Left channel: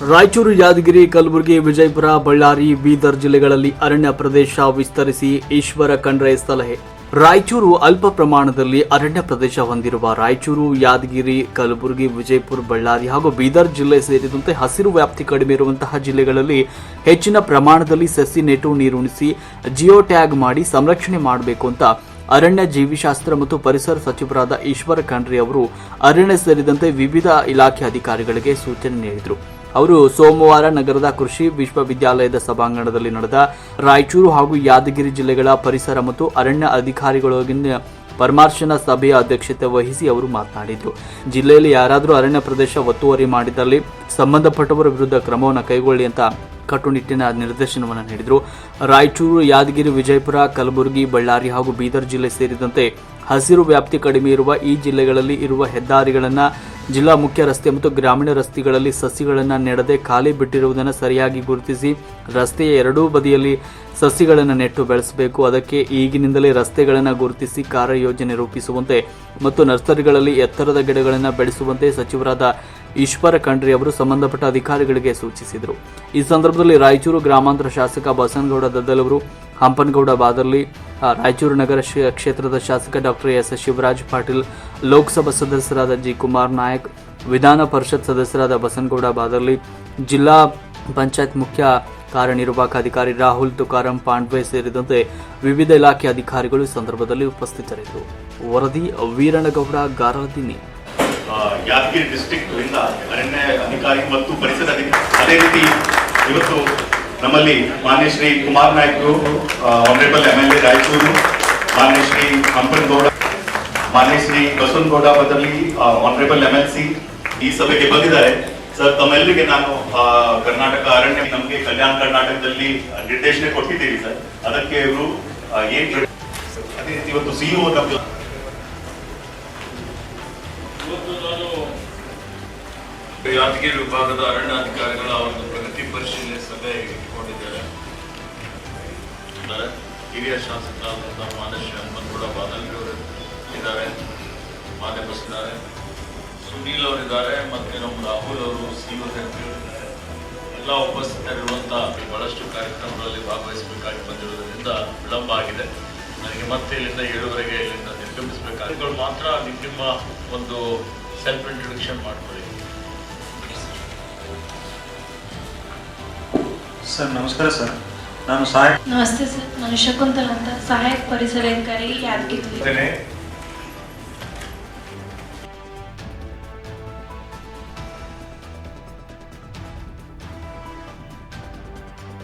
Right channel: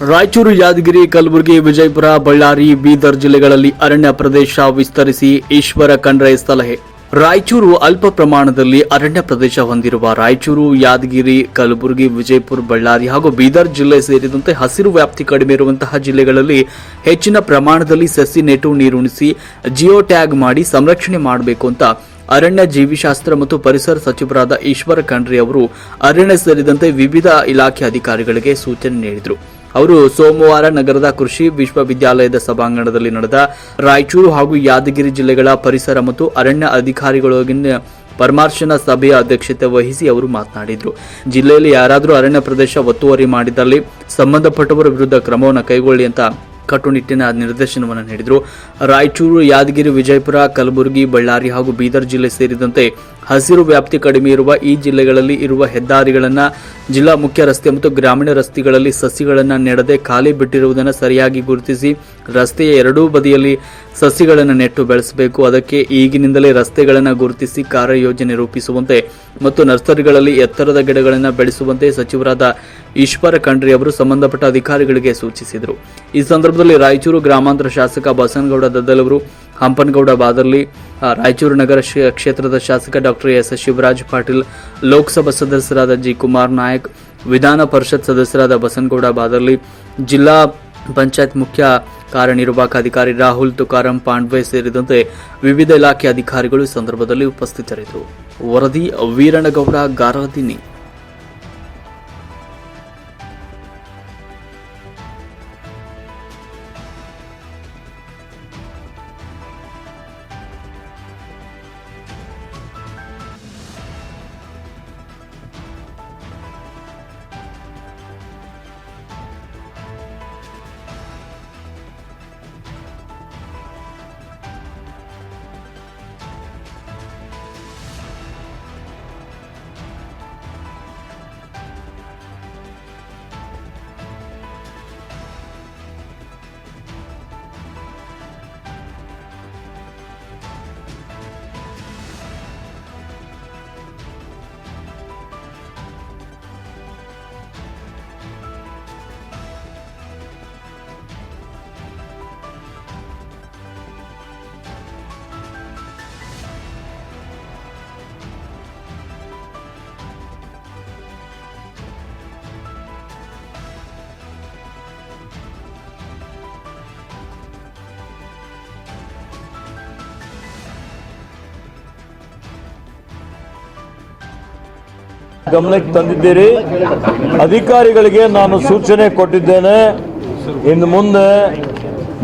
ರಾಯಚೂರು ಯಾದಗಿರಿ, ಕಲಬುರಗಿ, ವಿಜಯಪುರ, ಬಳ್ಳಾರಿ, ಬೀದರ್ ಜಿಲ್ಲೆಗಳಲ್ಲಿ ಅರಣ್ಯ ಪ್ರದೇಶ ವಿಸ್ತರಿಸಿ ಈಶ್ವರ ಖಂಡ್ರೆ ಸಲಹೆ. ರಾಯಚೂರು ಅಲ್ಪ ಪ್ರಮಾಣದಲ್ಲಿ ಅರಣ್ಯ ಪ್ರದೇಶ ಹೊಂದಿರುವ ರಾಯಚೂರು, ಯಾದಗಿರಿ, ಕಲಬುರಗಿ, ವಿಜಯಪುರ, ಬಳ್ಳಾರಿ ಹಾಗೂ ಬೀದರ್ ಜಿಲ್ಲೆ ಸೇರಿದಂತೆ ಹಸಿರು ವ್ಯಾಪ್ತಿ ಕಡಿಮೆ ಇರುವಂತಹ ಜಿಲ್ಲೆಗಳಲ್ಲಿ ಹೆಚ್ಚಿನ ಪ್ರಮಾಣದಲ್ಲಿ ಸಸಿ ನೆಟ್ಟು ನೀರುಣಿಸಿ ಜಿಯೋ ಟ್ಯಾಗ್ ಮಾಡಿ ಸಂರಕ್ಷಣೆ ಮಾಡಬೇಕು ಅಂತ ಅರಣ್ಯ ಜೀವಿಶಾಸ್ತ್ರ ಮತ್ತು ಪರಿಸರ ಸಚಿವರಾದ ಈಶ್ವರ ಖಂಡ್ರಿ ಅವರು ಅರಣ್ಯ ಸೇರಿದಂತೆ ವಿವಿಧ ಇಲಾಖೆ ಅಧಿಕಾರಿಗಳಿಗೆ ಸೂಚನೆ ನೀಡಿದರು. ಅವರು ಸೋಮವಾರ ನಗರದ ಕೃಷಿ ವಿಶ್ವವಿದ್ಯಾಲಯದ ಸಭಾಂಗಣದಲ್ಲಿ ನಡೆದ ರಾಯಚೂರು ಹಾಗೂ ಯಾದಗಿರಿ ಜಿಲ್ಲೆಗಳ ಪರಿಸರ ಮತ್ತು ಅರಣ್ಯ ಅಧಿಕಾರಿಗಳೊಂದಿಗೆ ಪರಮಾರ್ಶನ ಸಭೆಯ ಅಧ್ಯಕ್ಷತೆ ವಹಿಸಿ ಅವರು ಮಾತನಾಡಿದರು. ಜಿಲ್ಲೆಯಲ್ಲಿ ಯಾರಾದರೂ ಅರಣ್ಯ ಪ್ರದೇಶ ಒತ್ತುವರಿ ಮಾಡಿದಲ್ಲಿ ಸಂಬಂಧಪಟ್ಟವರ ವಿರುದ್ಧ ಕ್ರಮವನ್ನು ಕೈಗೊಳ್ಳಿ ಅಂತ ಕಟ್ಟುನಿಟ್ಟಿನ ನಿರ್ದೇಶನವನ್ನು ನೀಡಿದರು. ರಾಯಚೂರು, ಯಾದಗಿರಿ, ವಿಜಯಪುರ, ಕಲಬುರಗಿ, ಬಳ್ಳಾರಿ ಹಾಗೂ ಬೀದರ್ ಜಿಲ್ಲೆ ಸೇರಿದಂತೆ ಹಸಿರು ವ್ಯಾಪ್ತಿ ಕಡಿಮೆ ಇರುವ ಈ ಜಿಲ್ಲೆಗಳಲ್ಲಿ ಇರುವ ಹೆದ್ದಾರಿಗಳನ್ನು ಜಿಲ್ಲಾ ಮುಖ್ಯ ರಸ್ತೆ ಮತ್ತು ಗ್ರಾಮೀಣ ರಸ್ತೆಗಳಲ್ಲಿ ಸಸಿಗಳನ್ನು ನೆಡದೆ ಖಾಲಿ ಬಿಟ್ಟಿರುವುದನ್ನು ಸರಿಯಾಗಿ ಗುರುತಿಸಿ ರಸ್ತೆಯ ಎರಡೂ ಬದಿಯಲ್ಲಿ ಸಸಿಗಳನ್ನು ನೆಟ್ಟು ಬೆಳೆಸಬೇಕು. ಅದಕ್ಕೆ ಈಗಿನಿಂದಲೇ ರಸ್ತೆಗಳನ್ನು ಗುರುತಿಸಿ ಕಾರ್ಯಯೋಜನೆ ರೂಪಿಸುವಂತೆ ಮತ್ತು ನರ್ಸರಿಗಳಲ್ಲಿ ಎತ್ತರದ ಗಿಡಗಳನ್ನು ಬೆಳೆಸುವಂತೆ ಸಚಿವರಾದ ಈಶ್ವರ ಖಂಡ್ರಿ ಅವರು ಸಂಬಂಧಪಟ್ಟ ಅಧಿಕಾರಿಗಳಿಗೆ ಸೂಚಿಸಿದರು. ಈ ಸಂದರ್ಭದಲ್ಲಿ ರಾಯಚೂರು ಗ್ರಾಮಾಂತರ ಶಾಸಕ ಬಸನಗೌಡ ದದ್ದಲ್ ಅವರು ಹಂಪನಗೌಡ ಬಾದರ್ಲಿ ರಾಯಚೂರು ನಗರ ಕ್ಷೇತ್ರದ ಶಾಸಕ ಡಾಕ್ಟರ್ ಎಸ್ ಶಿವರಾಜ್ ಪಾಟೀಲ್, ಲೋಕಸಭಾ ಸದಸ್ಯರಾದ ಜಿ ಕುಮಾರ್ ನಾಯಕ್, ವಿಧಾನ ಪರಿಷತ್ ಸದಸ್ಯರಾದ ಬಸನಗೌಡ ಬಾದರ್ಲಿ, ಜಿಲ್ಲಾ ಪಂಚಾಯತ್ ಮುಖ್ಯ ಕಾರ್ಯನಿರ್ವಾಹಕ ಅಧಿಕಾರಿ ರಾಹುಲ್ ತುಕಾರಂ ಪಾಂಡ್ವೆ ಸೇರಿದಂತೆ ವಿವಿಧ ಇಲಾಖೆ ಅಧಿಕಾರಿಗಳು ಸಂದರ್ಭದಲ್ಲಿ ಉಪಸ್ಥಿತರಿದ್ದರು. ವರದಿ ವೀರಣಗೌಡ ಗಾರದಿನಿ ಯಾದಗಿರಿ ಅರಣ್ಯ ಅಧಿಕಾರಿ ಮತ್ತು ಪರಿಸರ ಅದೇ ರೀತಿ ಇವತ್ತು ನಮ್ಮಲ್ಲಿ ಮಾನ್ಯ Shri Kumar ನಾಯ್ಕರು honourable M L A Raichur, ಮಾನ್ಯ ಶ್ರೀ ಹಂಪನಗೌಡ ಮಾನ್ಯ ಶ್ರೀ ಬಸವನಗೌಡ ಬದಲಿ ಆನರೇಬಲ್ ಎಂ ಎಲ್ ಸಿ ಈ ಸಭೆಗೆ ಬಂದಿದ್ದಾರೆ. ಸರ್ ತಮ್ಮೆಲ್ಲರಿಗೆ ನಾನು ಕರ್ನಾಟಕ ಅರಣ್ಯ, ನಮಗೆ ಕಲ್ಯಾಣ ಕರ್ನಾಟಕದಲ್ಲಿ ನಿರ್ದೇಶನ ಕೊಟ್ಟಿದ್ದೀರಿ ಸರ್ ಅದಕ್ಕೆ ಇವರು ಏನ್ ಅದೇ ರೀತಿ ಇವತ್ತು ಸಿಇಒ ಯಾದಗಿರಿ ವಿಭಾಗದ ಅರಣ್ಯಾಧಿಕಾರಿಗಳ ಒಂದು ಪ್ರಗತಿ ಪರಿಶೀಲನೆ ಸಭೆ ಇಟ್ಟುಕೊಂಡಿದ್ದಾರೆ ಇದ್ದಾರೆ. ಹಿರಿಯ ಶಾಸಕರಾದಂಥ ಮಾನಸ ಹನುಮಂತಗೌಡ ಬಾದಲ್ಲಿ ಅವರು ಇದ್ದಾರೆ ಮಾತೆ ಬಸ್ತಾರೆ ಸುನೀಲ್ ಅವರಿದ್ದಾರೆ ಮತ್ತೆ ನಮ್ಮ ರಾಹುಲ್ ಅವರು, ಸಿ ಎಲ್ಲ ಉಪಸ್ಥಿತರಿರುವಂತಹ ಬಹಳಷ್ಟು ಕಾರ್ಯಕ್ರಮಗಳಲ್ಲಿ ಭಾಗವಹಿಸಬೇಕಾಗಿ ಬಂದಿರೋದ್ರಿಂದ ವಿಳಂಬ ಆಗಿದೆ. ನನಗೆ ಮತ್ತೆ ಇಲ್ಲಿಂದ ಏಳುವರೆಗೆ ಇಲ್ಲಿಂದ ನಿರ್ಗಮಿಸಬೇಕಾಗಿ ಮಾತ್ರ ನಿಮ್ಮ ಒಂದು ಸೆಲ್ಫ್ ಇಂಟ್ರೊಡಕ್ಷನ್ ಮಾಡ್ಕೊಳ್ಳಿ ಸರ್ ನಮಸ್ಕಾರ ಸರ್. ನಾನು ಸಹಾಯಕ ನಮಸ್ತೆ ಸರ್. ನಾನು ಶಕುಂತಲ್ ಅಂತ. ಸಹಾಯಕ ಪರಿಸರ ಅಧಿಕಾರಿ ಯಾದಗಿರಿ ಗಮನಕ್ಕೆ ತಂದಿದ್ದೀರಿ. ಅಧಿಕಾರಿಗಳಿಗೆ ನಾನು ಸೂಚನೆ ಕೊಟ್ಟಿದ್ದೇನೆ. ಇನ್ನು ಮುಂದೆ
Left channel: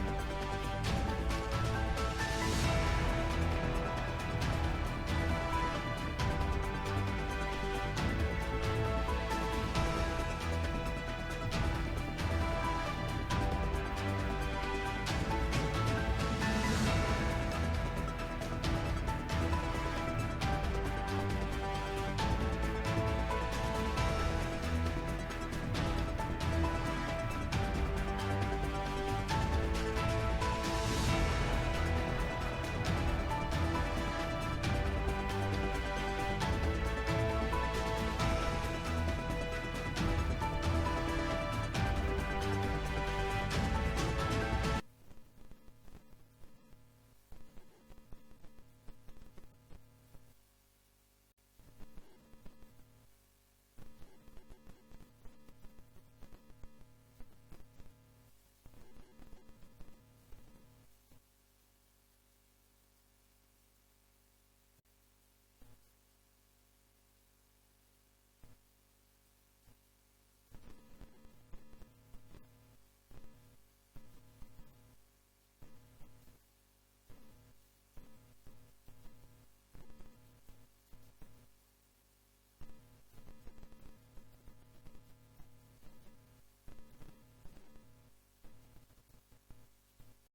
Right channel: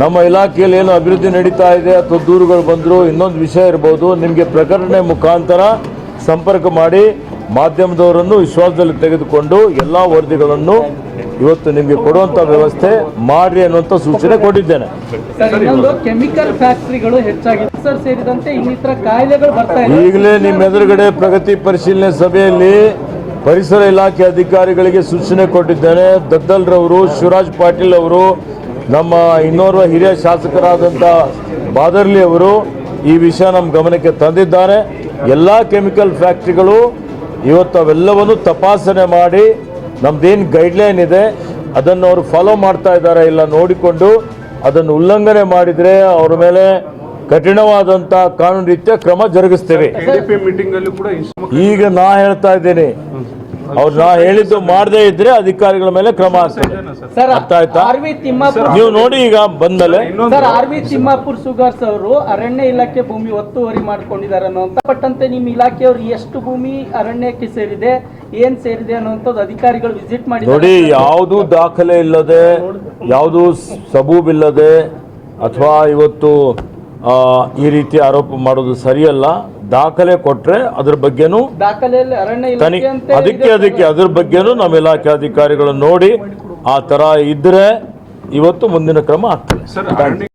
ನಮ್ಮ ಇಲಾಖೆಯಲ್ಲಿ ಏನು ಅಭಿವೃದ್ಧಿ ನಡೀತಾ ಇದೆ ಅಥವಾ ದೂರುಗಳು ಬಂದರೂ ಇನ್ನೊಂದು ವಿಷಯ ಇರ್ಬೋದು. ನಿಮಗೆ ಪ್ರಕಟಣೆ ಮುಖಾಂತರ ಸಂಪರ್ಕ ಮಾಡಿ ಮಾಧ್ಯಮದವರನ್ನು ವಿಶ್ವಾಸದಲ್ಲಿ ತೆಗೆದುಕೊಂಡು ಎಲ್ಲ ವರದಿಗಳನ್ನು ಇವತ್ತು ನಿಮಗೆ ಕೊಡುವಂಥ ವ್ಯವಸ್ಥೆ ಮಾಡಿ ಅನ್ನುವಂಥ ಸೂಚನೆ ಕೊಟ್ಟಿದ್ದೇನೆ. ಕೆಮಿಕಲ್ ಫ್ಯಾಕ್ಟರಿಗಳು ಹೆಚ್ಚಾಗಿದೆ. ಸರ್ ಸೇರಿದಂತೆ ಇನ್ನಿತರ ಕಾಯಿಲೆಗಳು ಬರ್ತಾ ಇದೆ. ಈಗಲೇ ನಿಮ್ಮ ಎದುರುಗಡೆ ಪ್ರಗತಿ ಪರಿಶೀಲನೆ ಸಭೆಯಲ್ಲಿ ಪರಿಸರ ಇಲಾಖೆ ಅಧಿಕಾರಿಗಳಿಗೆ ಸೂಚನೆ ಕೊಟ್ಟಿದ್ದೇನೆ. ದದ್ದಲ್ರವರು ಶಿವರಾಜ್ ಪಾಟೀಲ್ ಅವರು ನಮ್ಮ ಇನ್ನೋರ್ವ ಹಿರಿಯ ಶಾಸಕರಾದಂಥ ಬಾದರ್ಲಿ ಅವರು ಈ ವಿಷಯ ನಮ್ಮ ಗಮನಕ್ಕೆ ತಂದಿದ್ದಾರೆ. ಎಲ್ಲ ಕೆಮಿಕಲ್ ಫ್ಯಾಕ್ಟ್ರಿಗಳು ಇವತ್ತು ಅವೆಲ್ಲವನ್ನು ತಪಾಸಣೆ ಮಾಡಿ ನಮ್ದೇನು ಗೈಡ್ಲೈನ್ ಇದೆ ಅದನ್ನು ಅವರು ಫಾಲೋ ಮಾಡ್ತಾ ಇದ್ದಾರೆ ಇಲ್ಲ ನೋಡಿಕೊಂಡು ಅದನ್ನು ಉಲ್ಲಂಘನೆ ಮಾಡಿದರೆ ಅವ್ರ ಮೇಲೆ ಕಠಿಣವಾದಂಥ ಕಾನೂನು ರೀತಿಯ ಕ್ರಮ ಜರುಗಿಸ್ತೇವೆ. ಈಗ ನಾ ಹೇಳ್ತಾ ಇದ್ದೀನಿ ಅವ್ರು ನಾ ಹೇಳಿದ್ದು ಮಾಡದೇ ಇದ್ರೆ ಅಧಿಕಾರಿಗಳ ಮೇಲೆ ಕ್ರಮ ಆಗ್ತದೆ. ಸರ್ ಅರ್ಥ ಆಯ್ತಾ? ಆರ್ ವಿ ತಿಮ್ಮಾಪುರ್ ನೀವು ನೋಡಿ ಈಗ ಬಂದ್ಮೇಲೆ. Sir R V Timmapur sugars ಅವರು ಅರಣ್ಯ ಇಲಾಖೆ ಭೂಮಿ ಒತ್ತುವರಿ ಮಾಡ್ಕೊಂಡಿದ್ದಾರೆ ಅನ್ನೋಂತ ಪಟ್ಟಂತೆ ನಿಮ್ಮ ಇಲಾಖೆಯವರು ಎಷ್ಟು ಭೂಮಿ ಅರಣ್ಯಕ್ಕೆ ಸೇರಿದೆ ಏನ್ ಸೇರಿದೆ ಅನ್ನೋಂಥದ್ದು ಅಧಿಕಾರಿಗಳು ವಿಸಿಟ್ ಮಾಡಿ ನೋಡಿ ಯಾವುದು ದಾಖಲೆ ಇಲ್ಲದೆ ಯಾವುದು ಸಬೂಬಿಲ್ಲದೆ ಅಥವಾ ಇವತ್ತು ಆ, ಈ ರೀತಿ ಆರೋಪ ಮಾಡೋದು ಸರಿಯಲ್ಲ. ದಾಖಲೆ ಕೊಟ್ಟರೆ ಅದ್ರ ಬಗ್ಗೆನೂ ದಾಖಲೆಯಲ್ಲಿ ಅರಣ್ಯ ತನಿ ಅಂತ ಅದಕ್ಕೆ ಅದಕ್ಕೆ ಅದ್ರ ಬಗ್ಗೆನೂ ನಮ್ಮ ಇಲಾಖೆ ಅಧಿಕಾರಿಗಳು ನೋಡಿ ಆ ತರ ಇದ್ರೆ ಇವತ್ತು ಮುಂದಿನ ಕ್ರಮ ಆಗ್ತದೆ.